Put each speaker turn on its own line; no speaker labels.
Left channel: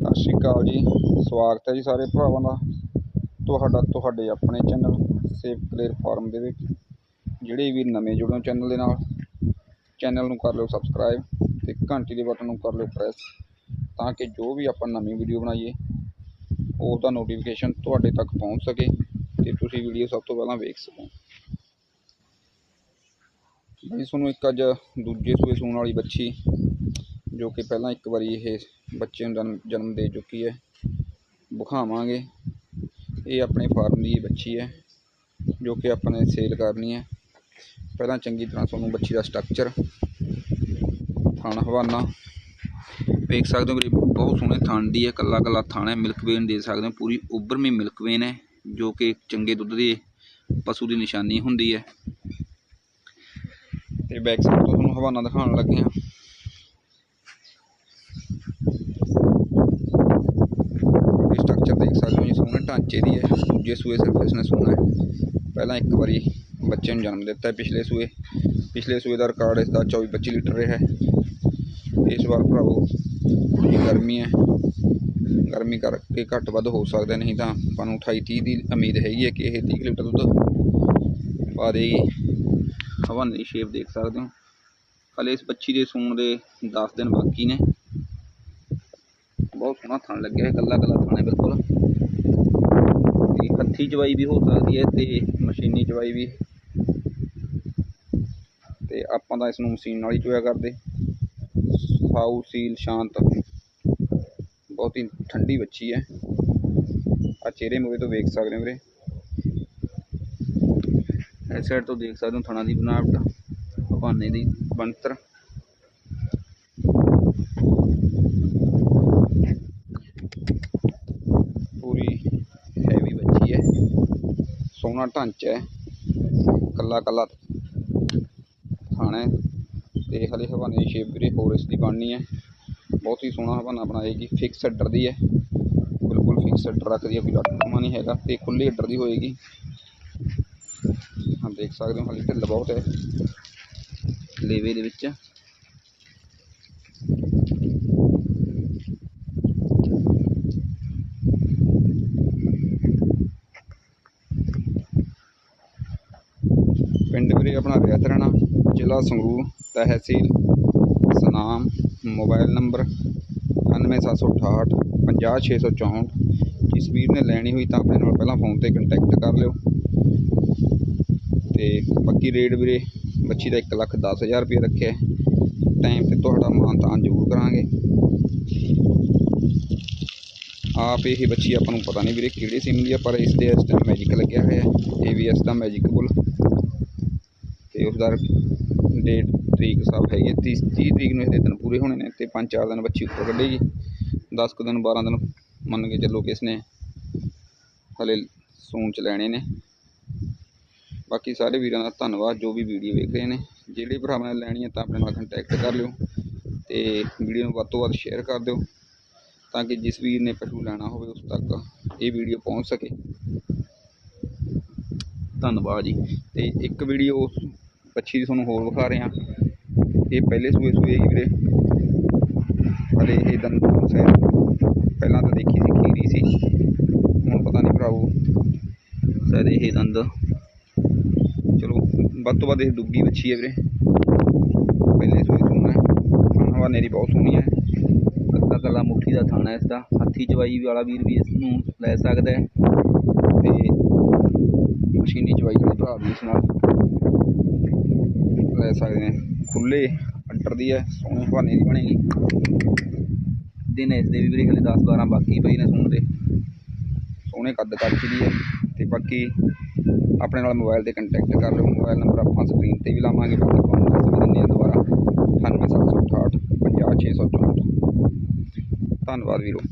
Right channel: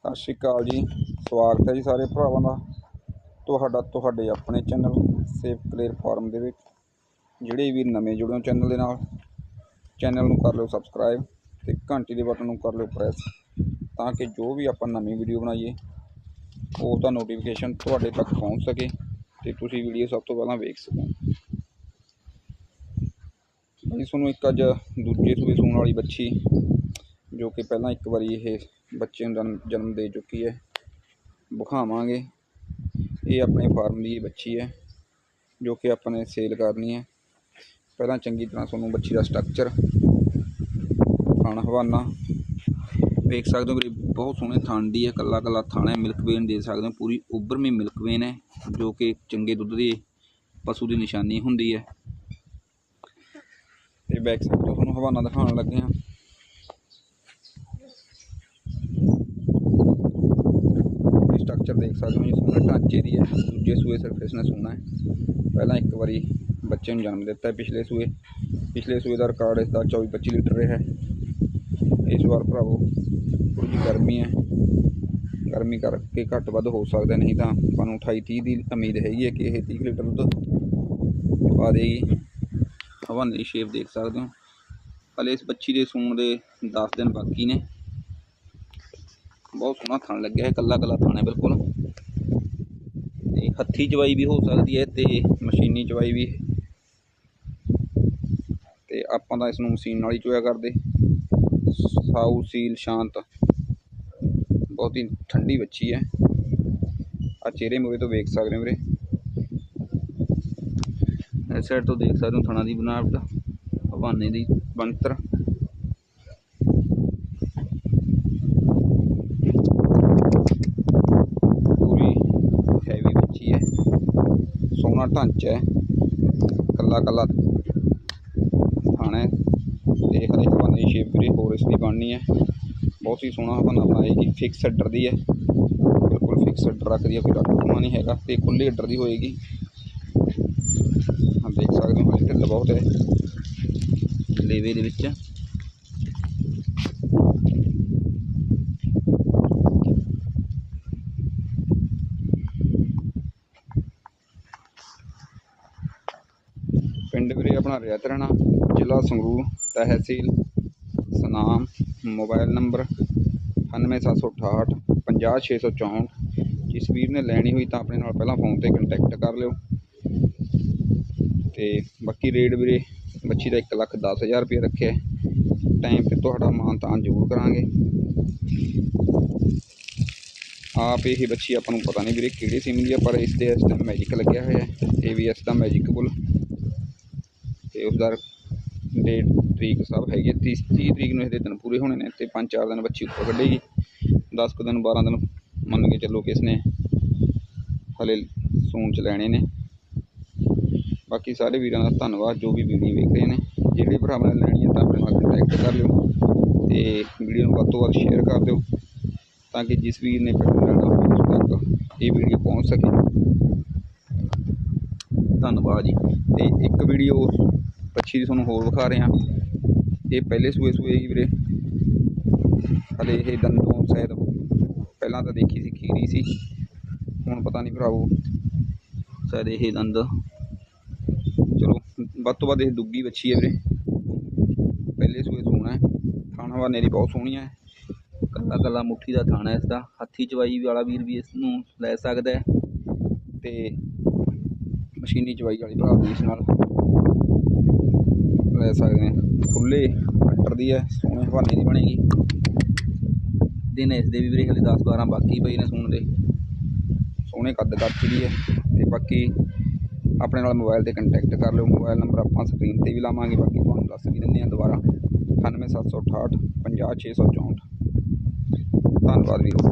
ਸਤਿ ਸ਼੍ਰੀ ਅਕਾਲ ਜੀ। ਸਵਾਗਤ ਹੈ ਜੀ ਸਾਰੇ ਭਰਾਵਾਂ ਦਾ। ਤੁਹਾਡਾ, ਤੁਹਾਡੇ ਆਪਣੇ ਚੈਨਲ ਸੇਵ ਕਲੇਰ ਫਾਰਮ ਦੇ ਵਿੱਚ, ਜਿਹੜੇ ਵੀ ਨਵੇਂ ਜੁੜੇ ਹੋ ਚੈਨਲ ਦੇ ਨਾਲ। ਚੈਨਲ ਨੂੰ ਕਰ ਲਿਓ ਸਬਸਕ੍ਰਾਈਬ ਤੇ ਘੰਟੀ ਦੇ ਬਟਨ ਨੂੰ ਕਰ ਲਿਓ ਪ੍ਰੈਸ, ਤਾਂ ਕਿ ਜੋ ਵੀ ਆਪਾਂ ਨਵੀਂ ਵੀਡੀਓ ਬਣਾਈਏ ਉਸ ਦਾ ਨੋਟੀਫਿਕੇਸ਼ਨ ਤੁਹਾਡੇ ਤੱਕ ਪਹੁੰਚ ਸਕੇ ਤੇ ਤੁਸੀਂ ਵੀਡੀਓ ਸਭ ਤੋਂ ਪਹਿਲਾਂ ਵੇਖ ਸਕੋ। ਬਈ ਤੁਹਾਨੂੰ ਇੱਕ ਅੱਜ ਦੂਜੇ ਸੂਏ ਸੂਣ ਵਾਲੀ ਬੱਚੀ ਜੋ ਕਿ ਪਹਿਲਾਂ ਇੱਕ ਵਾਰੀ ਇਹ ਬੱਚੇ ਨੂੰ ਜਨਮ ਜਨਮ ਦੇ ਚੁੱਕੀ ਹੈ। ਵਿਖਾਵਾਂਗੇ। ਇਹ ਆਪਣੇ ਫਾਰਮ ਦੀ ਬੱਚੀ ਹੈ, ਜੋ ਕਿ ਆਪਾਂ ਨੇ ਸੇਲ ਕਰਨੀ ਹੈ। ਪਹਿਲਾਂ ਚੰਗੀ ਤਰ੍ਹਾਂ ਤੁਹਾਨੂੰ ਬੱਚੀ ਦਾ ਸਟਰਕਚਰ, ਥਣ, ਹਵਾਨਾ ਵੇਖ ਸਕਦੇ ਹੋ। ਵੀਰੇ, ਬਹੁਤ ਸੋਹਣੇ ਥਣ ਦੀ ਹੈ। ਕੱਲਾ ਕੱਲਾ ਥਣ ਹੈ। ਮਿਲਕ ਵੇਨ ਦੇ ਸਕਦੇ ਹੋ। ਪੂਰੀ ਉੱਭਰਵੀਂ ਮਿਲਕ ਵੇਨ ਹੈ, ਜੋ ਕਿ ਚੰਗੇ ਦੁੱਧ ਦੇ ਪਸ਼ੂ ਦੀ ਨਿਸ਼ਾਨੀ ਹੁੰਦੀ ਹੈ। ਤੇ ਬੈਕ ਸਾਈਡ ਤੋਂ ਤੁਹਾਨੂੰ ਹਵਾਨਾ ਦਿਖਾਉਣ ਲੱਗੇ ਹਾਂ ਇਹ ਸਟਰਕਚਰ ਦੇਖ ਸਕਦੇ ਹੋ ਜੀ ਸੋਹਣੇ ਢਾਂਚੇ ਦੀ ਹੈ, ਦੂਜੇ ਸੂਏ ਸਿਰਫ ਇਸਨੇ ਸੋਹਣਾ ਹੈ। ਪਹਿਲਾਂ ਇੱਕ ਵਾਰੀ ਬੱਚੇ ਨੂੰ ਜਨਮ ਦਿੱਤਾ ਪਿਛਲੇ ਸੂਏ। ਪਿਛਲੇ ਸੂਏ ਦਾ ਰਿਕਾਰਡ ਇਸ ਦਾ 24 25 ਲੀਟਰ ਰਿਹਾ ਹੈ। ਇਸ ਵਾਰ ਭਰਾਵੋ, ਥੋੜ੍ਹੀ ਗਰਮੀ ਹੈ। ਗਰਮੀ ਕਰਕੇ ਘੱਟ ਵੱਧ ਹੋ ਸਕਦਾ ਨਹੀਂ ਤਾਂ ਆਪਾਂ ਨੂੰ 28 30 ਦੀ ਉਮੀਦ ਹੈਗੀ ਹੈ ਕਿ ਇਹ 30 ਕੁ ਲੀਟਰ ਦੁੱਧ ਪਾ ਦੇਗੀ ਹਵਾਨੇ ਦੀ ਸ਼ੇਪ ਦੇਖ ਸਕਦੇ ਹੋ। ਹਲੇ ਇਸ ਬੱਚੀ ਦੇ ਸੂਣ ਦੇ 10 ਦਿਨ ਬਾਕੀ ਨੇ। ਬਹੁਤ ਸੋਹਣਾ ਥਣ ਲੱਗਿਆ ਹੈ ਕੱਲਾ ਕੱਲਾ ਥਾਣੇ ਹੈ, ਬਿਲਕੁਲ। ਤੇ ਹੱਥੀ ਚਵਾਈ ਵੀ ਹੋ ਸਕਦੀ ਹੈ ਤੇ ਮਸ਼ੀਨੀ ਚਵਾਈ ਵੀ। ਤੇ ਆਪਾਂ ਤਾਂ ਇਸ ਨੂੰ ਮਸ਼ੀਨ ਨਾਲ ਹੀ ਚੋਇਆ ਕਰਦੇ। ਸਾਊ, ਸੀਲ, ਸ਼ਾਂਤ। ਬਹੁਤ ਹੀ ਠੰਡੀ ਬੱਚੀ ਹੈ। ਆ ਚਿਹਰੇ ਮੂਰੇ ਤੋਂ ਵੇਖ ਸਕਦੇ ਹੋ ਵੀਰੇ। ਇਸ ਸਾਈਡ ਤੋਂ ਦੇਖ ਸਕਦੇ ਹੋ ਥਣਾ ਦੀ ਬਣਾਵਟ, ਹਵਾਨੇ ਦੀ ਬਣਤਰ ਪੂਰੀ ਹੈਵੀ ਬੱਚੀ ਹੈ ਸੋਹਣਾ ਢਾਂਚਾ ਹੈ। ਕੱਲਾ ਕੱਲਾ ਥਾਣਾ ਹੈ। ਤੇ ਹਰੇ ਹਵਾਨੇ ਦੀ ਸ਼ੇਪ ਵੀਰੇ, ਹੋਰ ਇਸ ਦੀ ਬਣਨੀ ਹੈ। ਬਹੁਤ ਹੀ ਸੋਹਣਾ ਹਵਾਨਾ ਬਣਾਏਗੀ। ਫਿਕਸ ਅੱਡਰ ਦੀ ਹੈ। ਬਿਲਕੁਲ ਫਿਕਸ ਅੱਡਰ ਰੱਖਦੀ ਹੈ, ਕੋਈ ਲੱਟੂਮਾ ਨਹੀਂ ਹੈਗਾ ਤੇ ਖੁੱਲੀ ਅੱਡਰ ਦੀ ਹੋਏਗੀ। ਹਾਂ ਦੇਖ ਸਕਦੇ ਹੋ ਹਲੇ ਢਿੱਲ ਬਹੁਤ ਹੈ। ਲੇਵੇ ਦੇ ਵਿੱਚ। ਪਿੰਡ ਵੀਰੇ ਆਪਣਾ ਰਿਆਤ ਰਾਣਾ ਜ਼ਿਲ੍ਹਾ ਸੰਗਰੂਰ, ਤਹਿਸੀਲ ਸਨਾਮ, ਮੋਬਾਈਲ ਨੰਬਰ 98768 50664 ਜਿਸ ਵੀਰ ਨੇ ਲੈਣੀ ਹੋਈ ਤਾਂ ਆਪਣੇ ਨਾਲ ਪਹਿਲਾਂ ਫੋਨ ਤੇ ਕੰਟੈਕਟ ਕਰ ਲਿਓ। ਤੇ ਬਾਕੀ ਰੇਟ ਵੀਰੇ ਬੱਚੀ ਦਾ 1 ਲੱਖ 10 ਹਜ਼ਾਰ ਰੁਪਏ ਰੱਖਿਆ ਟਾਈਮ ਤੇ ਤੁਹਾਡਾ ਮਾਨਤਾਨ ਜ਼ਰੂਰ ਕਰਾਂਗੇ। ਆਪ ਇਹ ਬੱਚੀ ਆਪਾਂ ਨੂੰ ਪਤਾ ਨਹੀਂ ਵੀਰੇ ਕਿਹੜੇ ਸਿਮ ਦੀ ਆ, ਪਰ ਇਸ ਦੇ ਇਸ ਟਾਈਮ ਮੈਜਿਕ ਲੱਗਿਆ ਹੋਇਆ ਹੈ। AVS ਦਾ ਮੈਜਿਕ ਬੁੱਲ। ਤੇ ਉਸ ਦਾ ਡੇਟ ਤਰੀਕ ਸਭ ਹੈਗੀ ਹੈ। 30 30 ਤਰੀਕ ਨੂੰ ਇਹਦੇ ਦਿਨ ਪੂਰੇ ਹੋਣੇ ਨੇ ਤੇ 5-4 ਦਿਨ ਬੱਚੀ ਉੱਪਰ ਕੱਢੇਗੀ। 10 ਕੁ ਦਿਨ 12 ਦਿਨ ਮੰਨ ਕੇ ਚੱਲੋ ਕਿ ਇਸਨੇ ਹਲੇ ਸੂਣ ਚ ਲੈਣੇ ਨੇ। ਬਾਕੀ ਸਾਰੇ ਵੀਰਾਂ ਦਾ ਧੰਨਵਾਦ, ਜੋ ਵੀ ਵੀਡੀਓ ਵੇਖ ਰਹੇ ਨੇ। ਜਿਹੜੇ ਭਰਾਵਾਂ ਨੇ ਲੈਣੀ ਹੈ ਤਾਂ ਆਪਣੇ ਨਾਲ ਕੰਟੈਕਟ ਕਰ ਲਿਓ ਤੇ ਵੀਡੀਓ ਨੂੰ ਵੱਧ ਤੋਂ ਵੱਧ ਸ਼ੇਅਰ ਕਰ ਦਿਓ ਤਾਂ ਕਿ ਜਿਸ ਵੀਰ ਨੇ ਪਸ਼ੂ ਲੈਣਾ ਹੋਵੇ, ਉਸ ਤੱਕ ਇਹ ਵੀਡੀਓ ਪਹੁੰਚ ਸਕੇ। ਧੰਨਵਾਦ ਜੀ। ਤੇ ਇੱਕ ਵੀਡੀਓ ਬੱਚੀ ਦੀ ਤੁਹਾਨੂੰ ਹੋਰ ਵਿਖਾ ਰਹੇ ਹਾਂ। ਇਹ ਪਹਿਲੇ ਸੂਏ ਸੂਏ ਹੀ ਵੀਰੇ। ਹਲੇ ਇਹ ਦੰਦੋਂ ਸੈਰ ਪਹਿਲਾਂ ਤਾਂ ਦੇਖੀ ਸੀ, ਖੀਰੀ ਸੀ। ਹੁਣ ਪਤਾ ਨਹੀਂ ਭਰਾਵੋ। ਸਰ ਇਹ ਦੰਦ। ਚਲੋ, ਵੱਧ ਤੋਂ ਵੱਧ ਇਹ ਦੁੱਗੀ ਬੱਚੀ ਹੈ ਵੀਰੇ। ਪਹਿਲੇ ਸੂਏ ਸੂਣਾ ਹੈ। ਥਾਣਾ ਹਵਾਨੇ ਦੀ ਬਹੁਤ ਸੋਹਣੀ ਹੈ। ਕੱਲਾ ਕੱਲਾ ਮੁੱਠੀ ਦਾ ਥਾਣਾ ਇਸ ਦਾ ਹੱਥੀ ਚਵਾਈ ਵਾਲਾ ਵੀਰ ਵੀ ਇਸ ਨੂੰ ਲੈ ਸਕਦਾ ਹੈ। ਤੇ ਮਸ਼ੀਨੀ ਚਵਾਈ ਵਾਲੇ ਭਰਾ ਵੀ ਇਸ ਨਾਲ। ਲੈ ਸਕਦੇ ਨੇ। ਖੁੱਲੇ ਅੰਟਰ ਦੀ ਹੈ, ਸੋਹਣੇ ਹਵਾਨੇ ਦੀ ਬਣੇਗੀ। ਦਿਨ ਇਸ ਦੇ ਵੀ ਵੀਰੇ ਹਲੇ 10 12 ਬਾਕੀ ਪਈ ਨੇ ਸੂਣ ਦੇ। ਸੋਹਣੇ ਕੱਦ ਕੱਦ ਦੀ ਹੈ ਤੇ ਬਾਕੀ ਆਪਣੇ ਨਾਲ ਮੋਬਾਈਲ ਤੇ ਕੰਟੈਕਟ ਕਰ ਲਿਓ। ਮੋਬਾਈਲ ਨੰਬਰ ਆਪਾਂ ਸਕਰੀਨ ਤੇ ਵੀ ਲਾਵਾਂਗੇ, ਬਾਕੀ ਤੁਹਾਨੂੰ ਦੱਸ ਵੀ ਦਿੰਦੇ ਹਾਂ ਦੁਬਾਰਾ। 98768 50664 ਧੰਨਵਾਦ ਵੀਰੋ।